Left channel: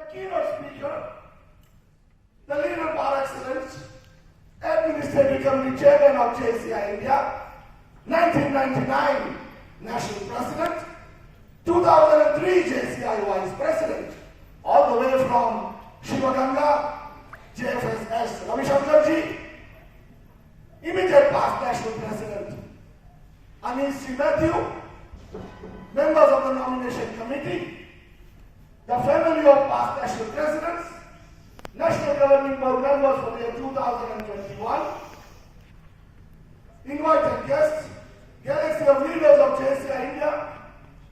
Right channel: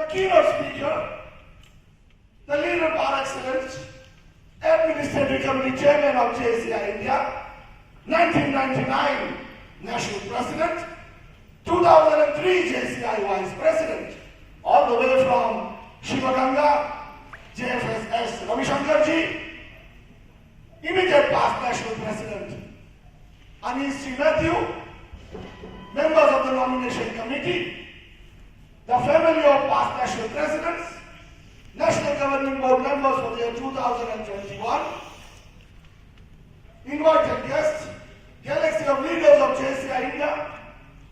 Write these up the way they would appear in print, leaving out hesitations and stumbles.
the keynote speaker, the leader par excellence, administrative committee chairman of JCI India, 1999 national president, 2003 JCI vice president, all the way from Shivaganga, JFS Ravi Shankarji, immediate past national president, Anish Sri Matthew, members of the nomination committee, the family of past national presidents, national governing board members for the year 2021, invited guests, galaxy of leaders of JCI India,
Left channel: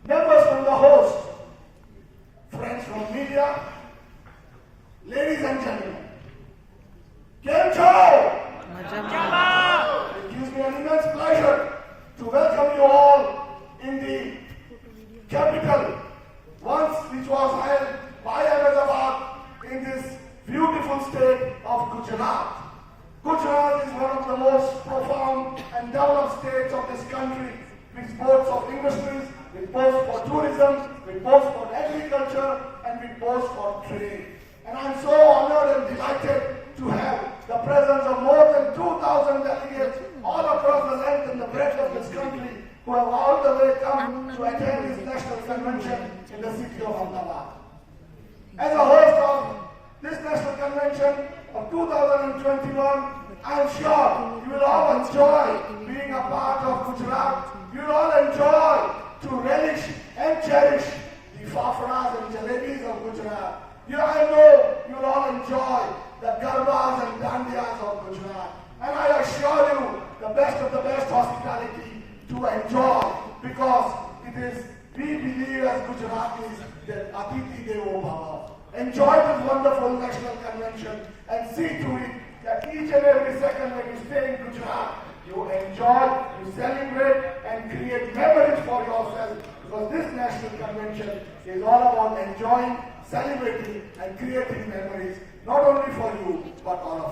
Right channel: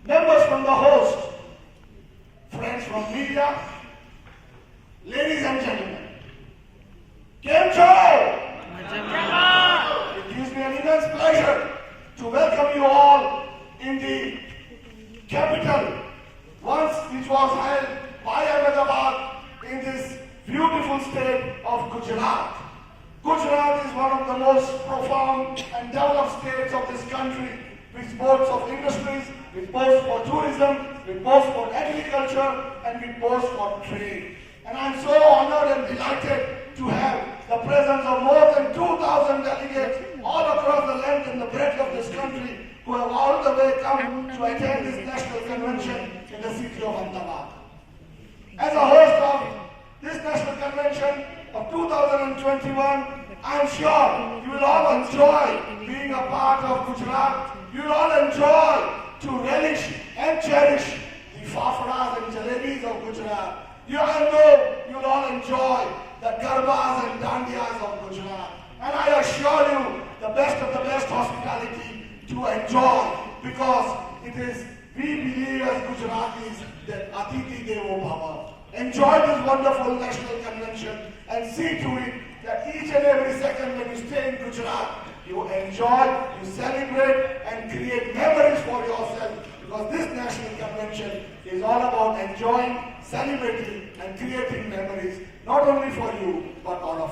members from the host, friends from media, ladies and gentlemen. Kem Chho! It gives me an immense pleasure to welcome you all in the capital, once which was held by Ahmedabad in this beautiful state of Gujarat. Gujarat is one of the most profound and developed states of this country, which boasts of industries, which boasts for tourism, which boasts for agriculture, and which boasts for trade. And I'm so honored and delighted to have the presence of more than 2,000 delegates all across the length and the breadth of this country who have all the way come to attend this national convention in the city of Ahmedabad. As a host of this national convention of 2021, I am sure you will all enjoy being a part of Gujarat. You will all enjoy to relish and cherish the fafras and jalebis of Gujarat. I know you will all enjoy the garbas and dandiyas of Gujarat. And I assure you the best of the best hospitality to enjoy, because it is, we believe as Gujaratis that Atithi Devo Bhava. Enjoy this wonderful national convention and see to it that each and every second when you stay in Gujarat, you enjoy, you celebrate and create memories for yourself, because this national convention is all about enjoying, celebrating and creating memories, not only for you, but all of